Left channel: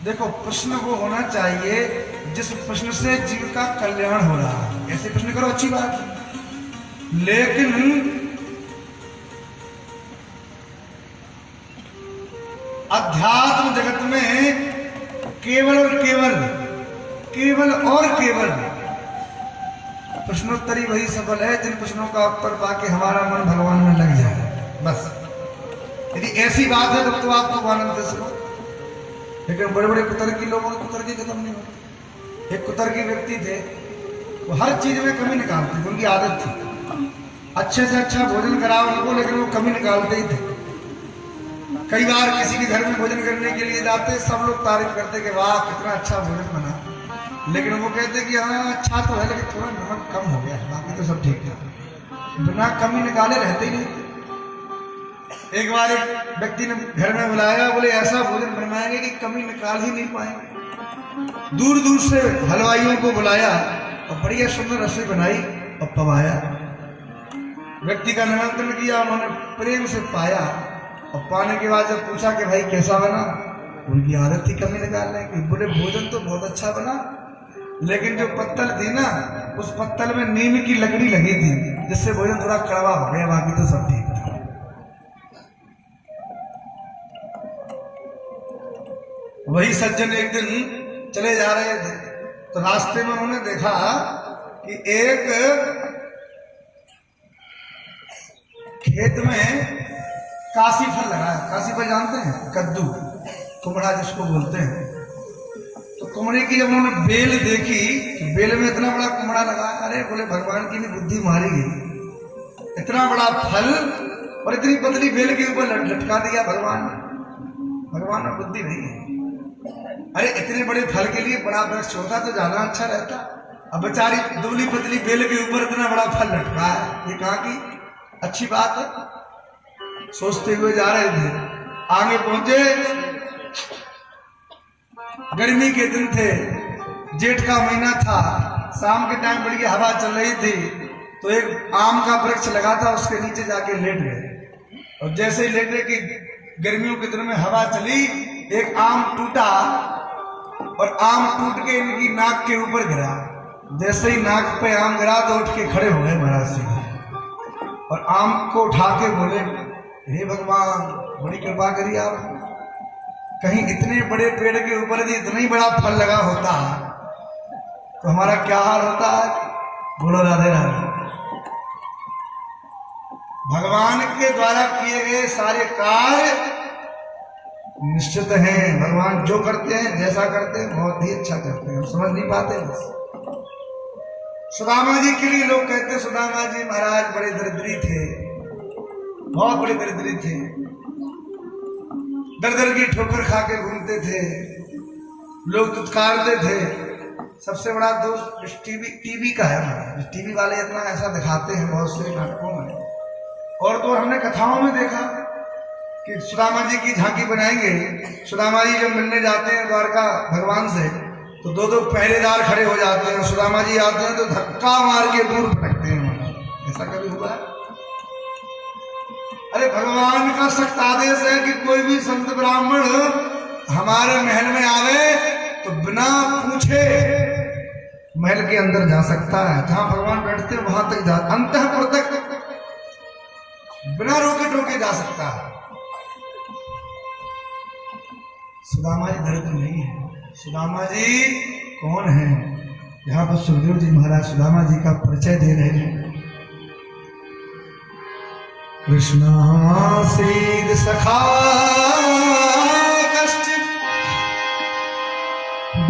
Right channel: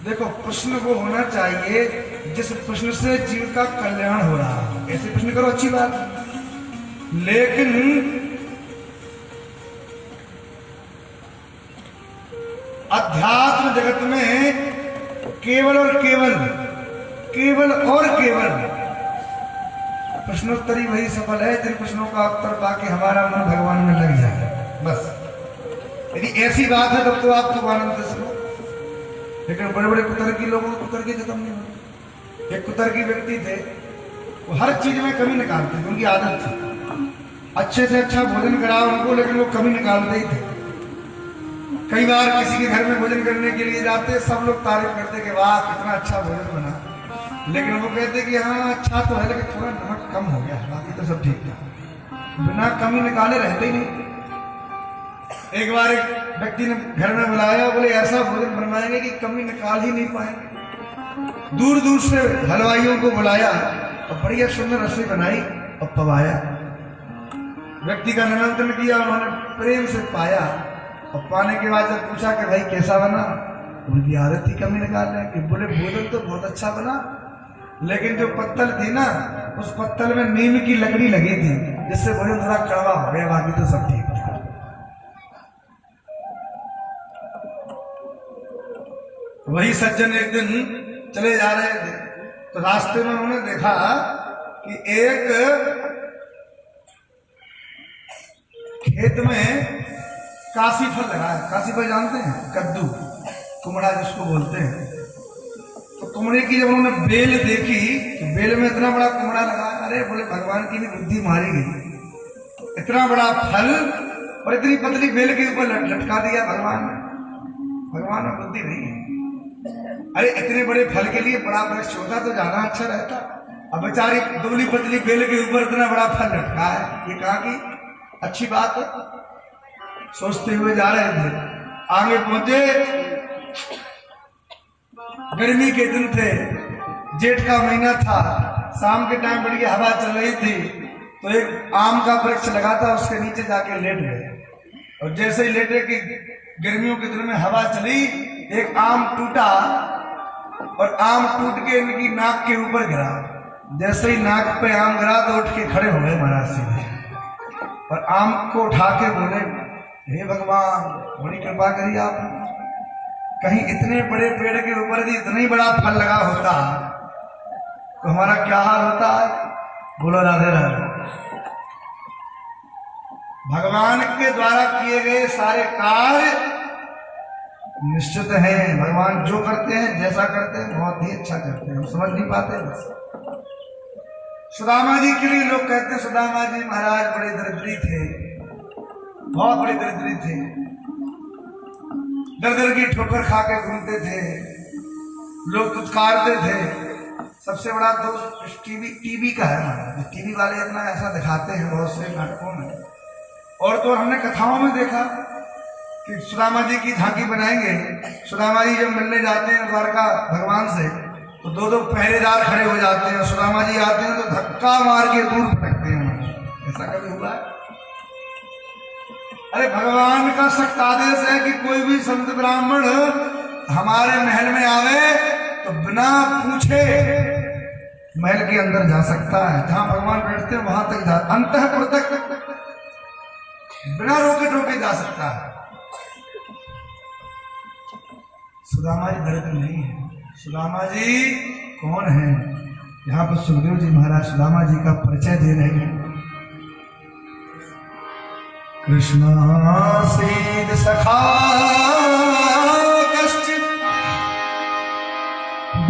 देखो, प्रश्न वो होना चाहिए जिस प्रश्न से जीव का कल्याण हो रहा है, ऐसे प्रश्न करो, अच्छी बात है। लेकिन अध्यात्म जगत में केवल और केवल प्रश्नोत्तरी वही सफल है जिन प्रश्नों का उत्तर पाके हमारा मन भगवान में लग जाए। बस यदि ऐसी बात है तब तो आप तो आनंद से सुनो। लेकिन बड़े बड़े कुतर्की लोगों के कुतर्की खत्म नहीं होते। एक कुतर्की व्यक्ति थे, वो हर चीज में कमी निकालते थे, उनकी आदत थी। अच्छे से अच्छा भोजन कराओ उनको, लेकिन वो कमी निकालते ही थे। कई बार किसी के घर में भोजन करने के लिए जाते, सब लोग तारीफ करते कि वाह कितना अच्छा भोजन बना, लेकिन वो कहते कि हाँ अच्छा तो है लेकिन थोड़ा नमक कम हो गया, बाकी तो सब ठीक था। बिना कमी निकाले रहते ही नहीं। एक बार एक व्यक्ति ने घर में बुलाया, बोले ऐसा भोजन बनवाएंगे कि कमी निकाल ही नहीं पाएंगे। दूर दूर से हलवाइयों को बुलाया और बढ़िया सुंदर रसोई बनाई और पवाया। व्यक्ति का निमंत्रण किया, उन्होंने प्रेम से पाया और पाने के बाद जब पूछा कि भाई कैसा बना, उनकी आदत थी कमी निकालने की। बोले भोजन तो बहुत अच्छा बना, लेकिन जो पत्तल थी ना, उस पत्तल में नीम की लकड़ी लगी थी, जिससे भोजन थोड़ा कड़वा हो गया, बाकी तो सब ठीक था। वही सज्जन एक दिन चले जा रहे थे, तो रास्ते में उन्होंने देखा कि एक खेत में काशी फल लगा है। काशी फल जानते हैं? कद्दू, कुमड़ा जिसको बोलते हैं। तो कुमड़े की जब उन्होंने बेल देखी कि बेल में इतना बड़ा कुमड़ा लगा, अरे बोले भगवान की भी बुद्धि मारी गई। इतना बड़ा फल और इतनी पतली बेल के ऊपर लटका दिया भगवान ने। भगवान में बुद्धि नहीं है। अरे इतने बड़े फल के लिए बड़ा वृक्ष होता तो ज्यादा अच्छा रहता। अब बेचारी दुबली पतली बेल के ऊपर इतना बड़ा फल लटका है, ये कहा कि अच्छी बात है। सोचते हुए जा रहे थे, आगे पहुंचे, गर्मी के दिन थे, जेठ का महीना था, शाम के टाइम बड़ी हवा चल रही थी। तो एक आम का वृक्ष लगा था, उसके नीचे जाके लेट गए। और जैसे ही लेटे कि गर्मियों के दिन में हवा चली, एक आम टूटा और आम टूट के इनकी नाक के ऊपर गिरा। जैसे ही नाक पे आम गिरा तो उठ के खड़े हो गए महाराज सिंह और आम को उठा के बोले, हे भगवान बड़ी कृपा करिए आप, कहीं इतने बड़े पेड़ के ऊपर यदि इतना ही बड़ा फल लगा होता तो हमारा क्या हाल होता है। बोलो राधे राधे। भगवान के द्वारा किए गए सारे कार्य निश्चित है। भगवान जो करते हैं, जैसा करते हैं, बहुत ही अच्छा करते हैं, हम समझ नहीं पाते। बस सुदामा जी के लिए लोग कहते हैं सुदामा जी महाराज बड़े दरिद्री थे, बहुत बड़े दरिद्री थे, दर दर की ठोकर खा के घूमते थे, लोग दुत्कारते थे। सबसे बड़ा दोष टीवी का है ना, टीवी वाले इतना ऐसा दिखाते हैं बहुत से नाटकों में। और तो हमने कथाओं में देखा कि सुदामा जी की झांकी बनाएंगे, सुदामा जी जब मिलने जाते हैं द्वारका भगवान से, तो दो दो पहरेदार खड़े हो जाते हैं। सुदामा जी आते हैं तो धक्का मार के दूर फटकते हैं। ऐसा कभी हुआ? अरे भगवान का सख्त आदेश है कि कोई भी संत ब्राह्मण हमारे महल में आवे तो बिना पूछे महल के अंदर जा सकता है। जहां भगवान बैठते हैं वहां तक जा, अंतःपुर तक बिना रोके टोके जा सकता है। सुदामा जी दरिद्र नहीं है। सुदामा जी कौन है? यहाँ पर सुखदेव जी महाराज सुदामा जी का परिचय दे रहे हैं। कृष्णा सीद सखा कश्चित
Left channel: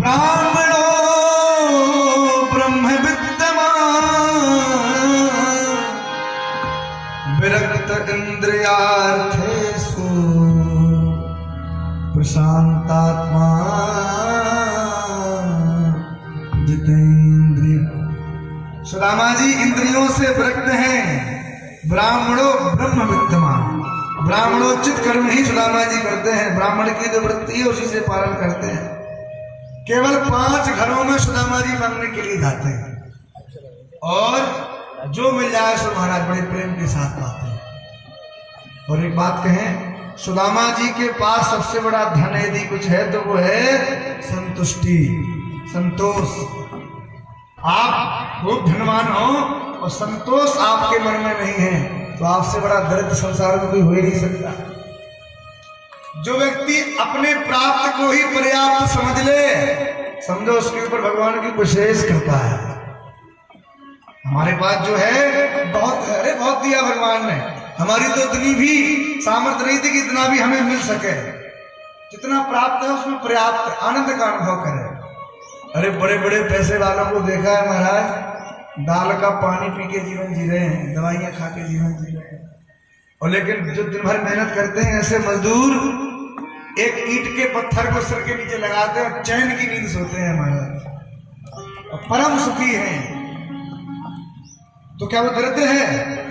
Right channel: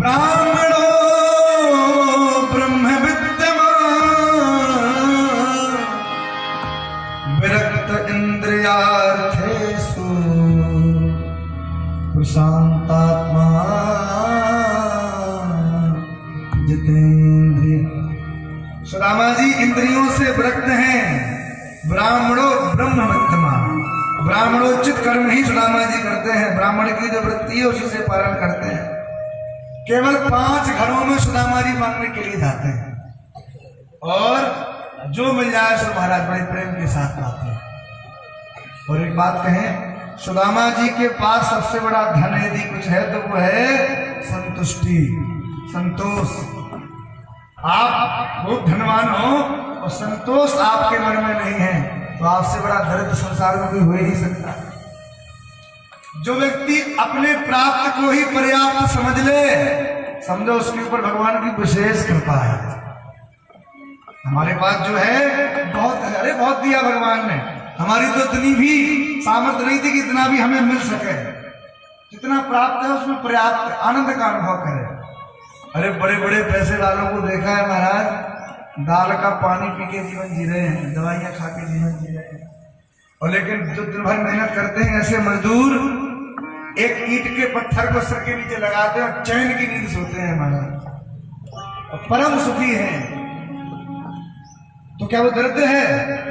ब्राह्मणो ब्रह्म विद्यमान विरक्त इंद्रियार्थेषु प्रशांतात्मा जितेंद्रिय। सुदामा जी इंद्रियों से विरक्त हैं। ब्राह्मणों ब्रह्म विद्यमान, ब्राह्मणोचित कर्म ही सुदामा जी करते हैं। ब्राह्मण की जो वृत्ति है उसी से पालन करते हैं। केवल 5 घरों में सुदामा जी मांगने के लिए जाते हैं और जो मिल जाए सो महाराज बड़े प्रेम के साथ पाते हैं। और एक बात कहें, सुदामा जी के पास सबसे बड़ा धन यदि कुछ है तो वो है संतुष्टि, संतोष। आप खूब धनवान हो और संतोष आपके मन में नहीं है तो आपसे बड़ा दरिद्र संसार में कोई हो ही नहीं सकता। जो व्यक्ति अपने प्राप्त को ही पर्याप्त समझ ले, समझो उसके ऊपर भगवान की विशेष कृपा है। हमारे पास जो है बहुत है, अरे बहुत दिया भगवान ने। हमारी तो इतनी भी सामर्थ्य नहीं थी कि इतना भी हमें मिल सके। जितना प्राप्त है उसमें पर्याप्त आनंद का अनुभव करें। अरे बड़े बड़े पैसे वालों को देखा है महाराज, दाल का पानी पी के जीवन जी रहे हैं, दवाइयां खा के जीवन जी रहे हैं। और लेकिन जो दिन भर मेहनत करते हैं ऐसे मजदूर, एक ईंट के पत्थर को सर के नीचे लगाते हैं और चैन की नींद सोते हैं महाराज, और परम सुखी हैं। तो क्या वो दरिद्र है?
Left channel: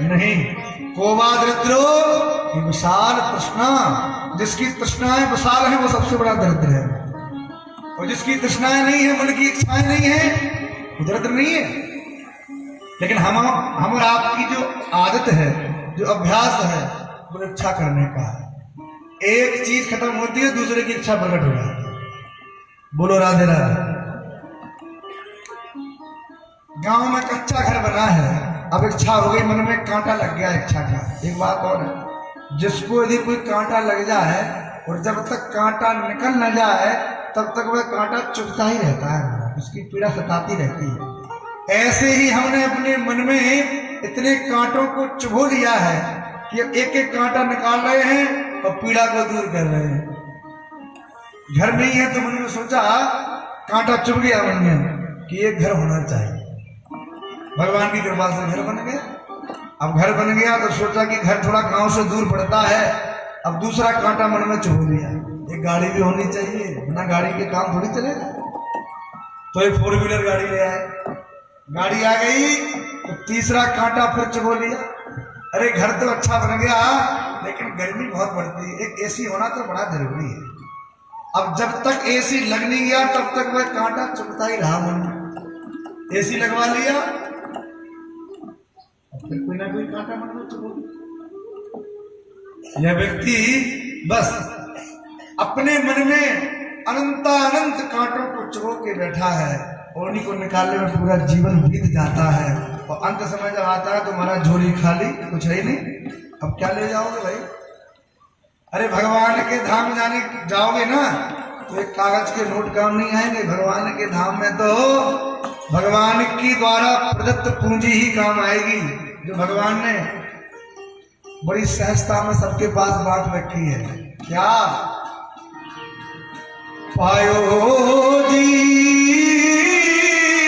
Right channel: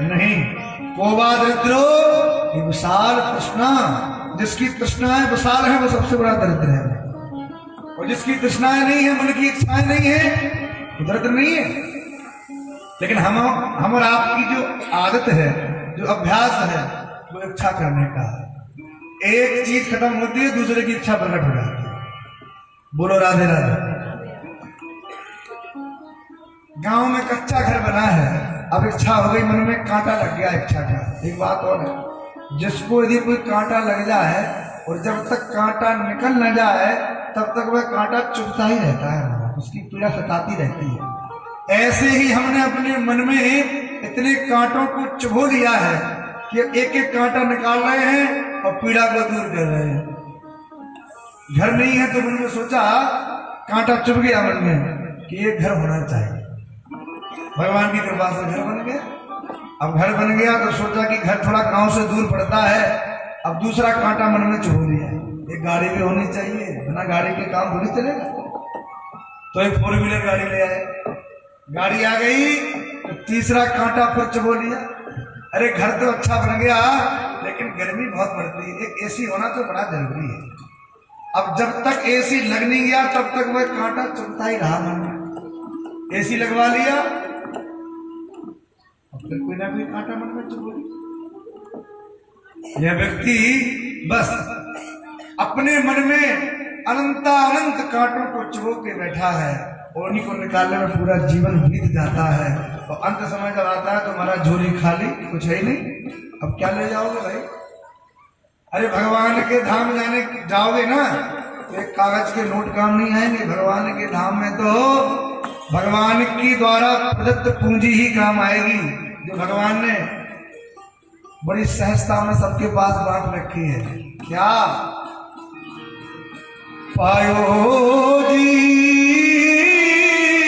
नहीं। कोवा दरिद्रो, ये विशाल तृष्णा, जिसकी तृष्णाएं विशाल है वो सबसे बड़ा दरिद्र है। और जिसकी तृष्णाएं नहीं है, मन की इच्छाएं नहीं है, वो दरिद्र नहीं है। लेकिन हम और आपकी जो आदत है, जो अभ्यास है, वो इच्छा करने का है। एक चीज खत्म होती है, दूसरे की इच्छा प्रकट हो जाती है। बोलो राधे राधे। गांव में कच्चा घर बना है, अब इच्छा हो गई, मन में कांटा लग गया इच्छा का। एक बात और है, जिसको यदि कोई कांटा लग जाए और जब तक कांटा निकल न जाए तब तक वह कांटा चुभता ही रहता है, उसकी पीड़ा सताती रहती है। ऐसे ही हमने अपने मन में इतने कांटों को चुभो लिया है कि एक एक कांटा निकाल रहे हैं और पीड़ा को दूर कर रहे हैं। घर नहीं है तो मन में सोचा, कांटा चुभ गया मन में कि एक घर होना चाहिए। भगवान की कृपा से घर बन गया। अब घर बन गया तो सोचा कि घर थोड़ा गांव से दूर पड़ता है, अब दूसरा कांटा मन में चुभ लिया, एक गाड़ी भी होनी चाहिए, बिना गाड़ी के काम थोड़ी चलेगा। तो एक 4 व्हीलर गाड़ी ले आए, गाड़ी आ गई तो तीसरा कांटा फिर चुभ लिया। अरे घर तो अच्छा बन गया लेकिन गर्मी बहुत पड़ती है, एक एसी होना तो बड़ा जरूरी है। अब जब तक एसी लग नहीं गया तब तक वह कांटा चुभता ही रहा मन में। एसी लगवा लिया, फिर कोई ना कोई कांटा मन में चुभ गया। यह व्यक्ति बस अपने मन में अनंत कांटों को चुभो के बैठा है और उन्हीं को निकालने में पूरा जीवन बीत जाता है। और अंत समय जब आता है तो हमारा झोली खाली, कुछ है ही नहीं। अब क्या ले जाओगे भाई? अरे भगवान के धाम जाने जाओगे ना तो एक कागज के नोट काम नहीं आएंगे। भगवान के धाम में तो भगवान की द्वारा प्रदत्त पूंजी ही काम आएगी, जो भगवान ने बड़ी सहजता में सबके पास बांट रखी है। क्या पायो जी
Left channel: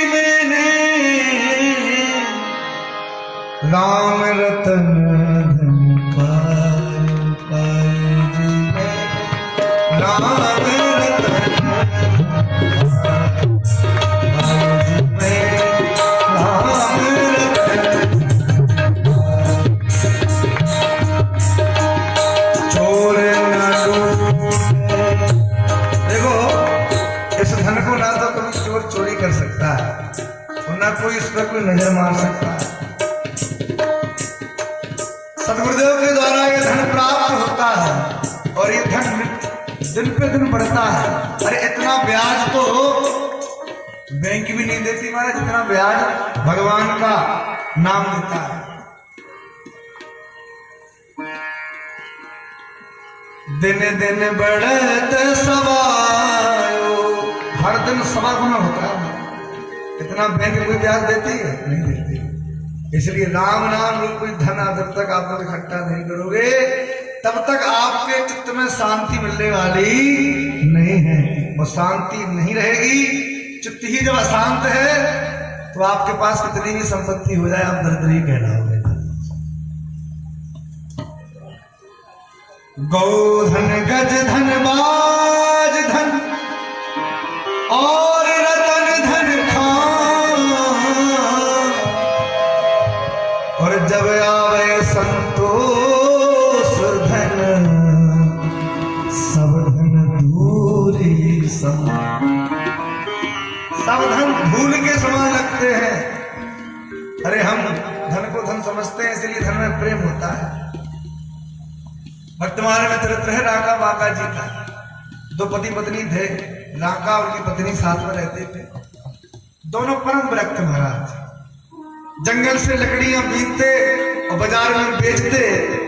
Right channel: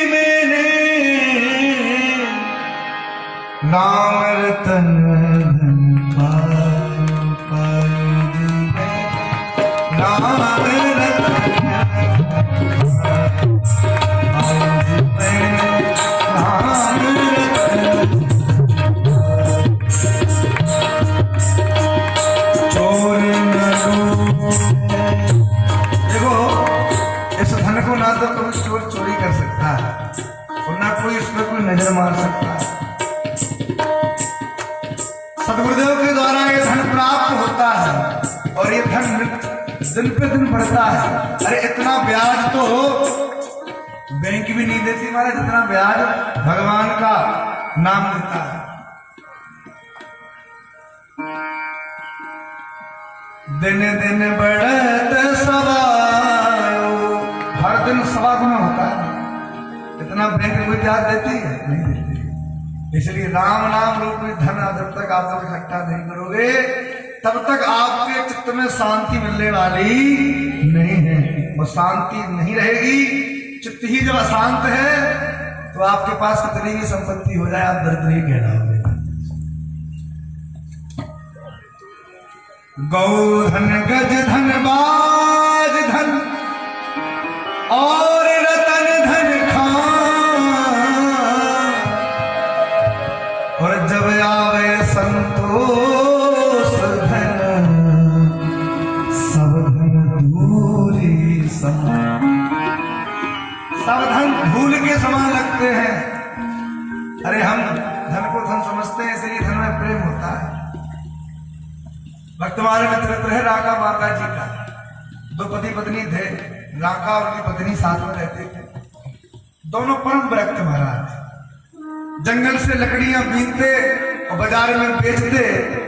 मैंने राम रतन पायो, पायो जी राम कोई नजर मार सकता है। सदगुरुदेव के द्वारा ये धन प्राप्त होता है और ये धन दिन पे दिन बढ़ता है। अरे इतना ब्याज तो बैंक भी नहीं देती महाराज, जितना ब्याज भगवान का नाम देता है। दिन दिन बढ़त सवायो, हर दिन सवा गुना होता है। इतना बैंक कोई ब्याज देती है? नहीं देती। इसलिए राम नाम रूप कोई धन जब तक आप लोग इकट्ठा नहीं करोगे तब तक आपके चित्त में शांति मिलने वाली नहीं है। वो शांति नहीं रहेगी। चित्त ही जब अशांत है तो आपके पास कितनी भी संपत्ति हो जाए आप दरिद्र ही कहलाओगे। गौधन गज धन बाज धन और रतन धन खान, और जब आवे संतोष धन सब धन धूली समान। सब धन धूल के समान लगते हैं। अरे हम धन को धन समझते हैं इसलिए धन में प्रेम होता है। वर्तमान में चरित्र है राका बाका जी का। दो पति पत्नी थे, राका और उनकी पत्नी साथ में रहते थे। दोनों परम विरक्त महाराज, जंगल से लकड़ियां बीनते और बाजार में बेचते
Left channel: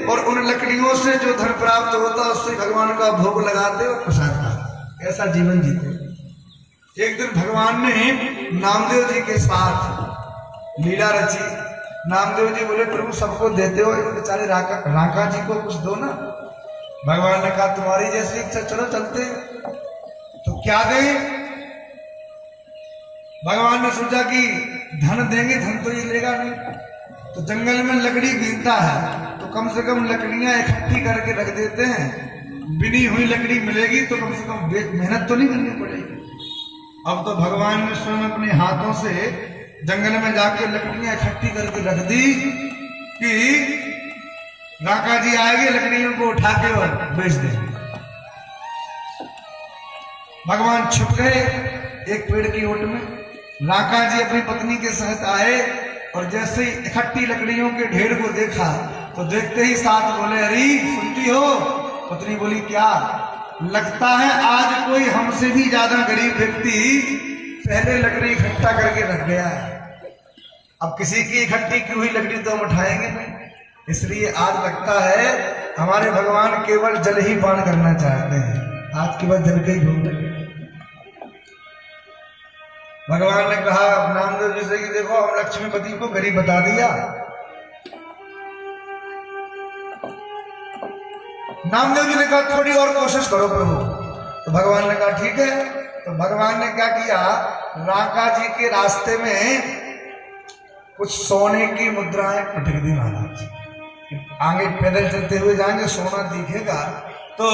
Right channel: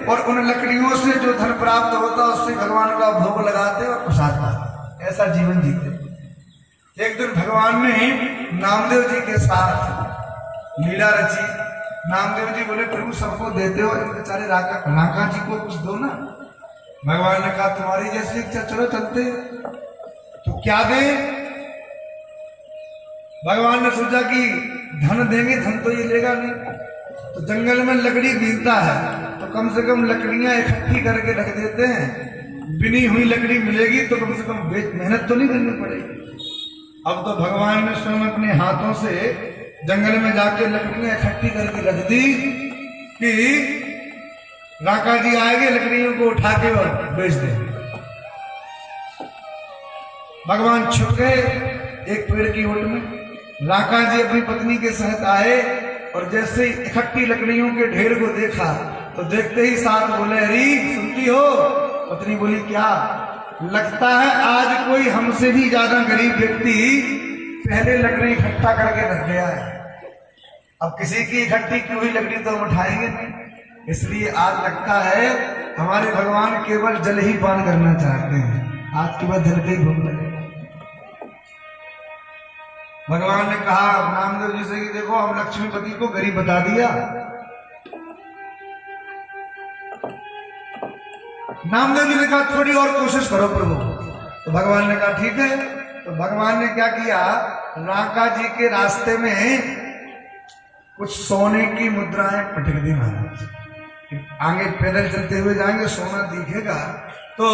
और उन लकड़ियों से जो धन प्राप्त होता उससे भगवान का भोग लगाते और प्रसाद पाते, ऐसा जीवन जीते। एक दिन भगवान ने नामदेव जी के साथ लीला रची। नामदेव जी बोले प्रभु सबको देते हो, इस बेचारे राका जी को कुछ दो ना। भगवान ने कहा तुम्हारी जैसी इच्छा, चलो चलते। तो क्या दें? भगवान ने सोचा कि धन देंगे, धन तो ये लेगा नहीं, तो जंगल में लकड़ी बीनता है तो कम से कम लकड़ियां इकट्ठी करके रख देते हैं। बिनी हुई लकड़ी मिलेगी तो कम से कम मेहनत तो नहीं करनी पड़ेगी। अब तो भगवान ने स्वयं अपने हाथों से जंगल में जाके लकड़ियां इकट्ठी करके रख दी कि राका जी आएंगे, लकड़ियों को उठा के और बेच देंगे। भगवान छुप गए एक पेड़ की ओट में। राका जी अपनी पत्नी के साथ आए और जैसे ही इकट्ठी लकड़ियों के ढेर को देखा तो देखते ही साथ बोले, अरे सुनती हो? पत्नी बोली, क्या? लगता है आज कोई हमसे भी ज्यादा गरीब व्यक्ति पहले लकड़ी इकट्ठा करके रख गया है। अब किसी की इकट्ठी की हुई लकड़ी तो हम उठाएंगे नहीं, इसलिए आज लगता है हमारे भगवान केवल जल ही पान करना चाहते हैं। आज के बाद जल का ही भोग लगे। भगवान ने कहा नामदेव जी से कि देखो हम लक्ष्मीपति को गरीब बता दिया। नामदेव जी ने कहा थोड़ी और कोशिश करो प्रभु। तो भगवान ने कहा ठीक है। तो भगवान ने क्या किया, राका जी के रास्ते में कुछ सोने की मुद्राएं पटक दी महाराज। आगे पैदल चलते हुए जाएंगे, सोना दिखेगा तो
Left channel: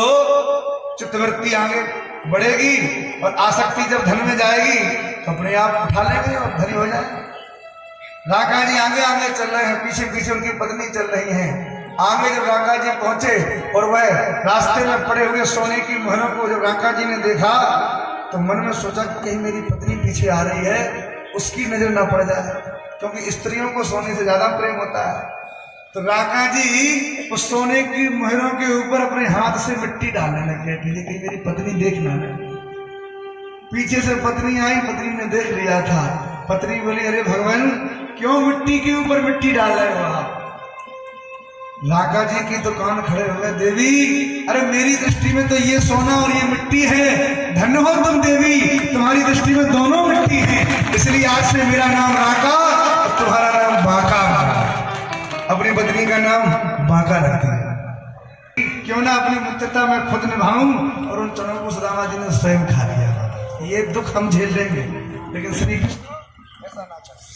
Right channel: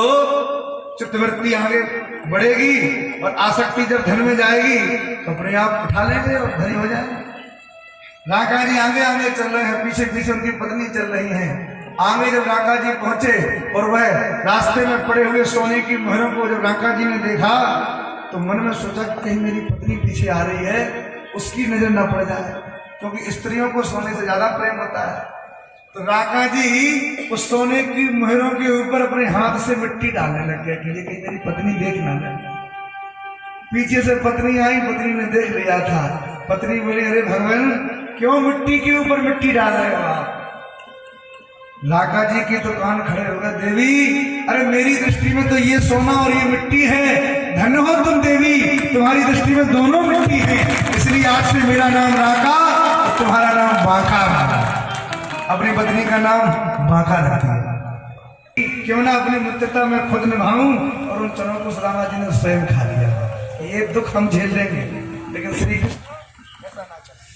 चित्तवृत्ति आगे बढ़ेगी और आसक्ति जब धन में जाएगी तो अपने आप उठा लेंगे और धनी हो जाएंगे। राका जी आगे आगे चल रहे हैं, पीछे पीछे उनकी पत्नी चल रही हैं। आगे जब राका जी पहुंचे और वह रास्ते में पड़े हुए सोने की मोहरों को जब राका जी ने देखा तो मन में सोचा कि कहीं मेरी पत्नी पीछे आ रही है, उसकी नजर न पड़ जाए, क्योंकि स्त्रियों को सोने से ज्यादा प्रेम होता है। तो राका जी उस सोने की मोहरों के ऊपर अपने हाथ से मिट्टी डालने लग गए कि ये कहीं मेरी पत्नी देख ना ले। पीछे से पत्नी आई, पत्नी ने देख लिया था। पत्नी बोली, अरे भगवान क्यों मिट्टी के ऊपर मिट्टी डाल रहे हो आप? राका जी की दुकान खड़े हो गए, देवी अरे मेरी दृष्टि में तो ये सोना और ये मिट्टी है, धन्य हो तुम देवी, तुम्हारी दृष्टि में दोनों मिट्टी है, इसलिए आज से मेरा नाम राका और तुम्हारा नाम बांका। अपनी पत्नी का नाम बांका रखती है। क्यों ना अपनी मित्रता में खुद निभाऊं, और उन चनों को सुदामा जी ने स्वयं खा लिया। ये दुख हम झेल लेंगे, लेकिन श्री कृष्ण ऐसा ना कर।